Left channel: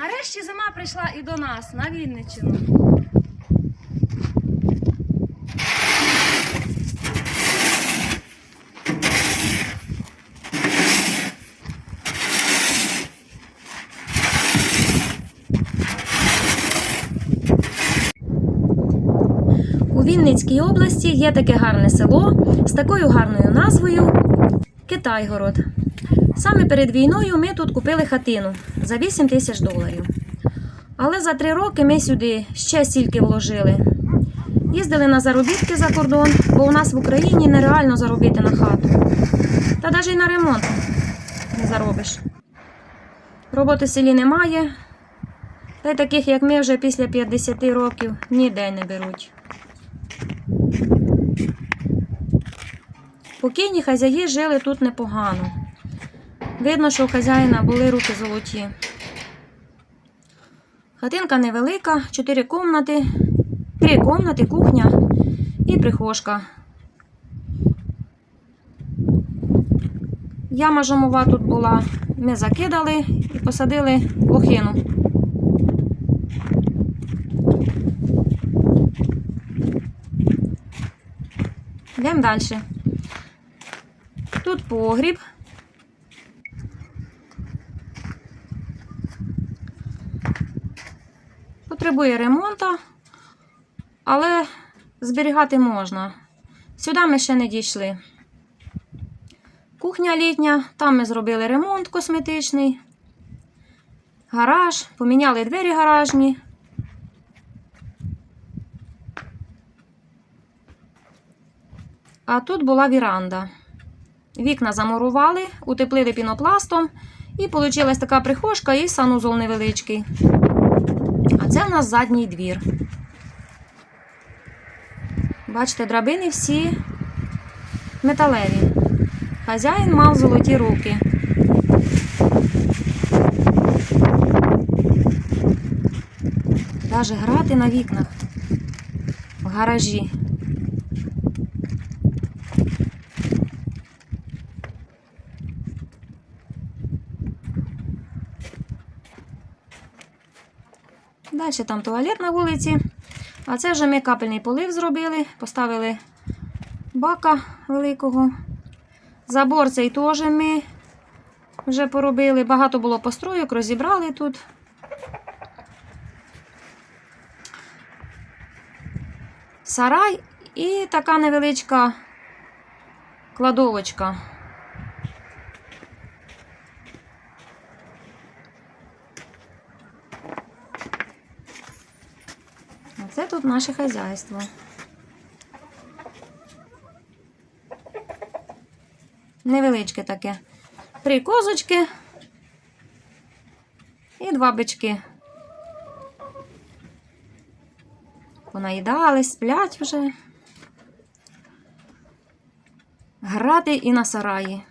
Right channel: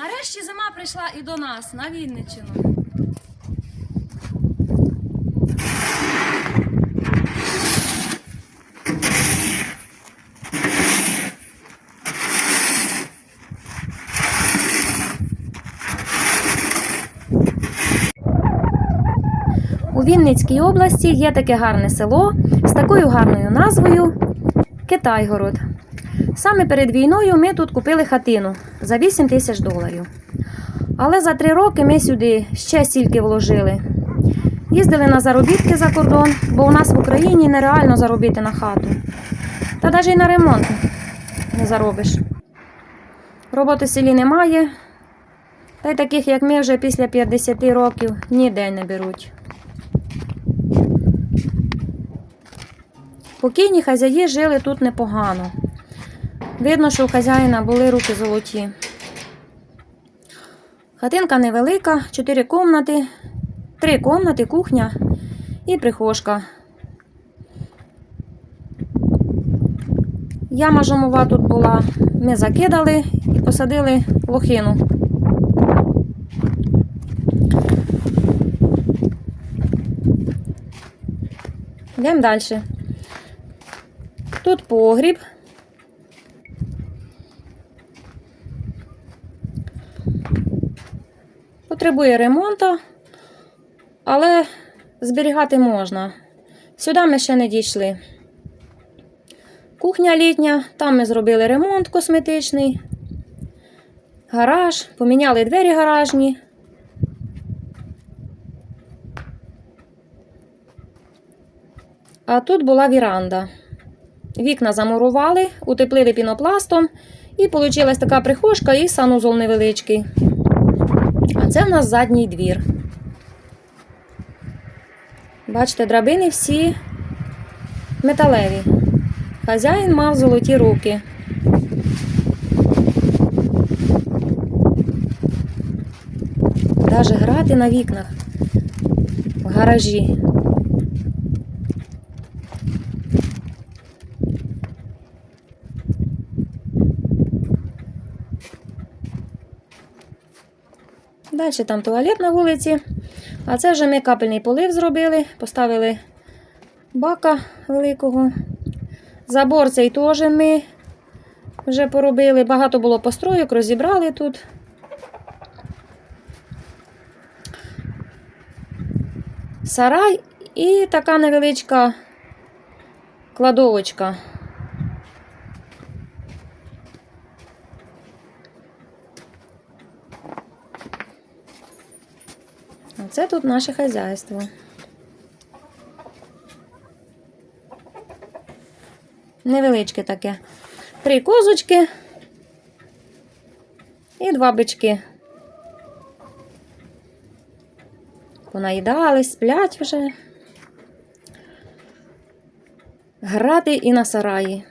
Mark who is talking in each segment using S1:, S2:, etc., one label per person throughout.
S1: Нарешті зима прийшла і до нас на Вінниччину. У Вінницькій області є таке гарне село з такою гарною назвою Китайгород. Саме перед війною ми тут купили хатину за 8 тисяч доларів. Але за три роки ми сюди ще стільки вложили. Їздили на заробітки за кордон, бо у нас в Україні нереально заробити на хату. Та навіть і на ремонт не заробиш. Роботи в селі немає. Та й таких, як ми, вже після 50 років ніде не беруть. Покійні хазяї жили тут непогано. Видно, що у хазяїна були руки золоті. Хатинка невелика, чотири комнати, три комнати, кухня і прихожка. Яма жомова тут була. Ми закидали і посадили лохину. Йдемо далі. Тут погріб. Потребує ремонту, але зберігати можна. Сюди ми ще не дійшли. Кухня літня, там ми зробили ремонт косметичний, гараж, поміняли двері гаражні. А тут була віранда. Вікна замурували, утеплили пінопластом, і вийшла така прихожка і санузол невеличкий. Це в нас задній двір. Бачите, драбини всі металеві. Хазяїн мав золоті руки. Даже грати на вікнах в гаражі. Далі там туалет на вулиці. А це вже ми капельний полив зробили, поставили бака великого. Забор цей теж ми вже поробили. Багато було построїк, розібрали тут. Сарай і така невеличка кладовочка. Оце тут наше хазяйство. Невеличке таке. Три козочки і два бички. Понаїдались, сплять вже. Грати і на сараї.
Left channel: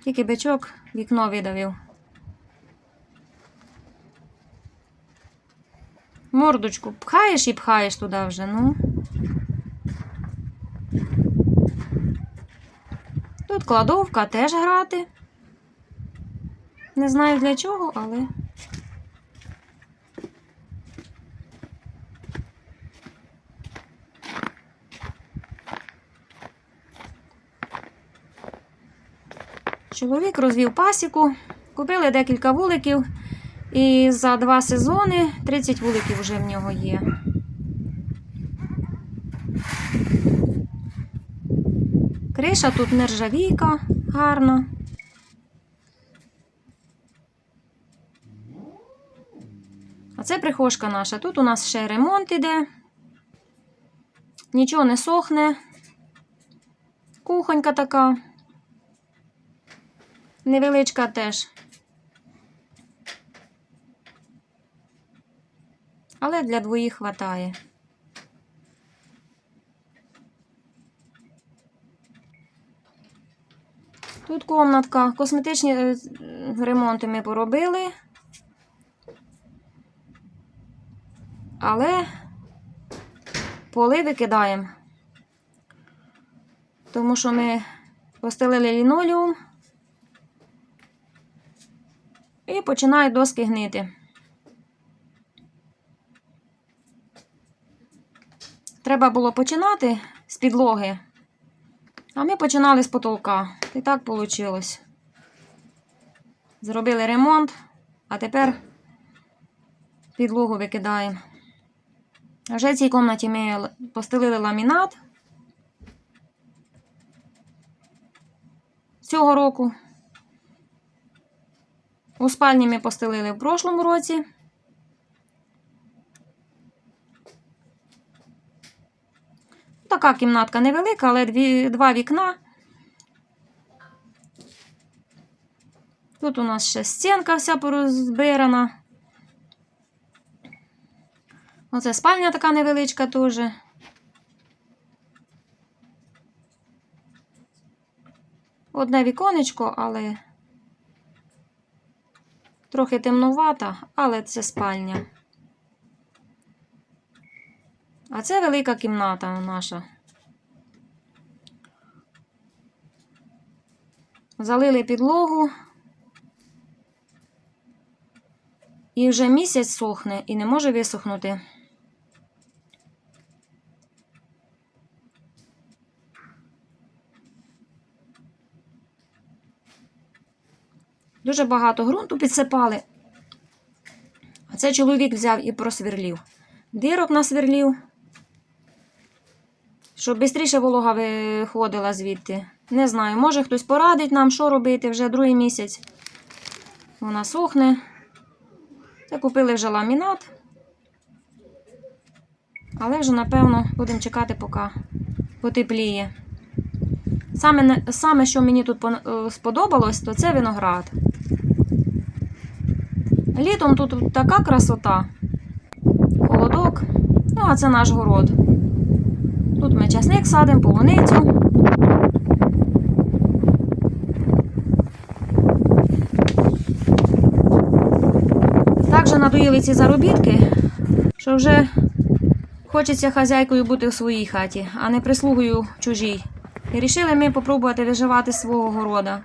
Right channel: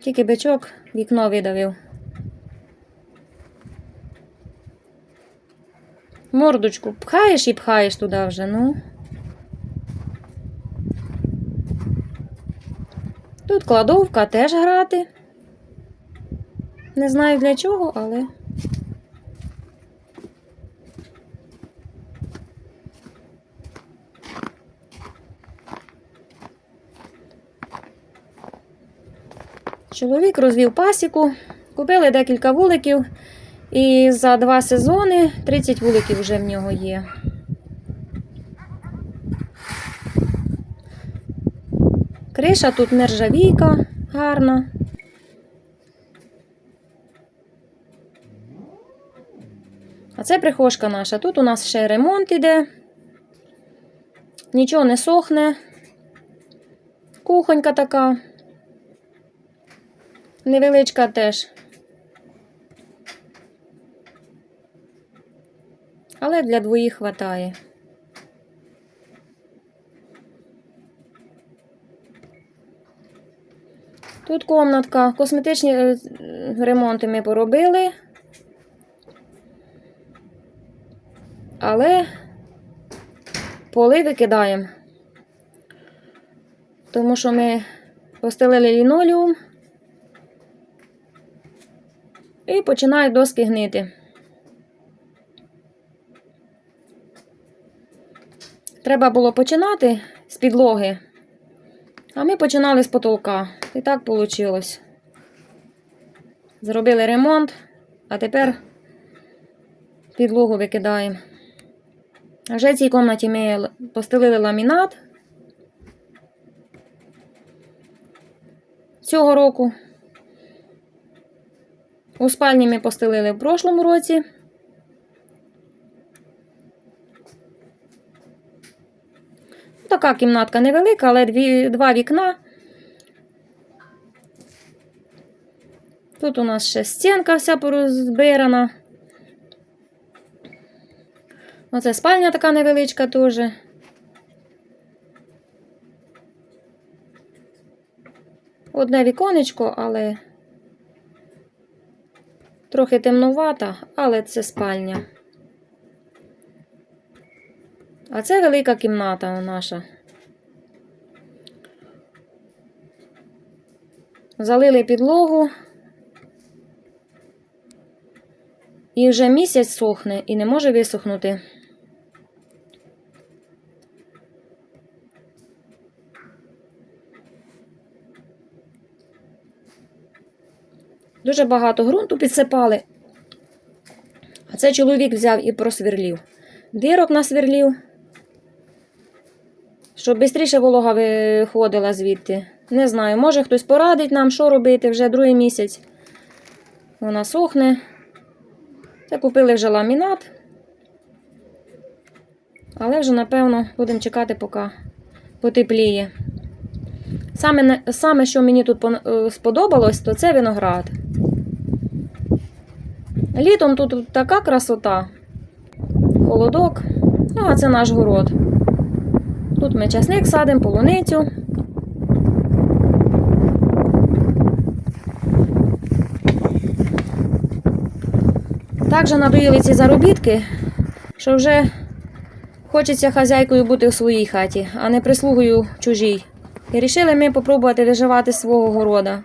S1: Тільки бичок вікно видавив. Мордочку пхаєш і пхаєш туди вже, ну. Тут кладовка теж грати. Не знаю для чого, але. Чоловік розвів пасіку, купили декілька вуликів. І за два сезони 30 вуликів вже в нього є. Криша тут нержавійка гарна. А це прихожка наша. Тут у нас ще ремонт іде. Нічого не сохне. Кухонька така. Невеличка теж. Але для двоїх хватає. Тут комнатка. Косметичні е, ремонти ми поробили. Але поли викидаємо. Тому що ми постелили лінолеум. і починають доски гнити. Треба було починати з підлоги, а ми починали з потолка. І так вийшло. Зробили ремонт, а тепер підлогу викидаємо. Вже в цій кімнаті ми постелили ламінат цього року. У спальні ми постелили в прошлому році. Така кімнатка невелика, але дві, два вікна. Тут у нас ще стінка вся порозбирана. Оце спальня така невеличка теж. Одне віконечко, але трохи темнувата, але це спальня. А це велика кімната наша. Залили підлогу. І вже місяць сохне і не може висохнути. Дуже багато ґрунту підсипали. А це чоловік взяв і просверлів. Дирок насверлів, щоб швидше волога виходила звідти. Не знаю, може хтось порадить нам, що робити вже другий місяць. Вона сохне. Це купили вже ламінат. Але вже, напевно, будемо чекати, поки потепліє. Саме, саме що мені тут е, сподобалось, то це виноград. Літом тут така красота, холодок. Ну, а це наш город. Тут ми часник садимо, полуницю. Так же надоїли ці заробітки, що вже хочеться хазяйкою бути в своїй хаті, а не прислугою чужій. І рішили ми попробувати виживати свого города.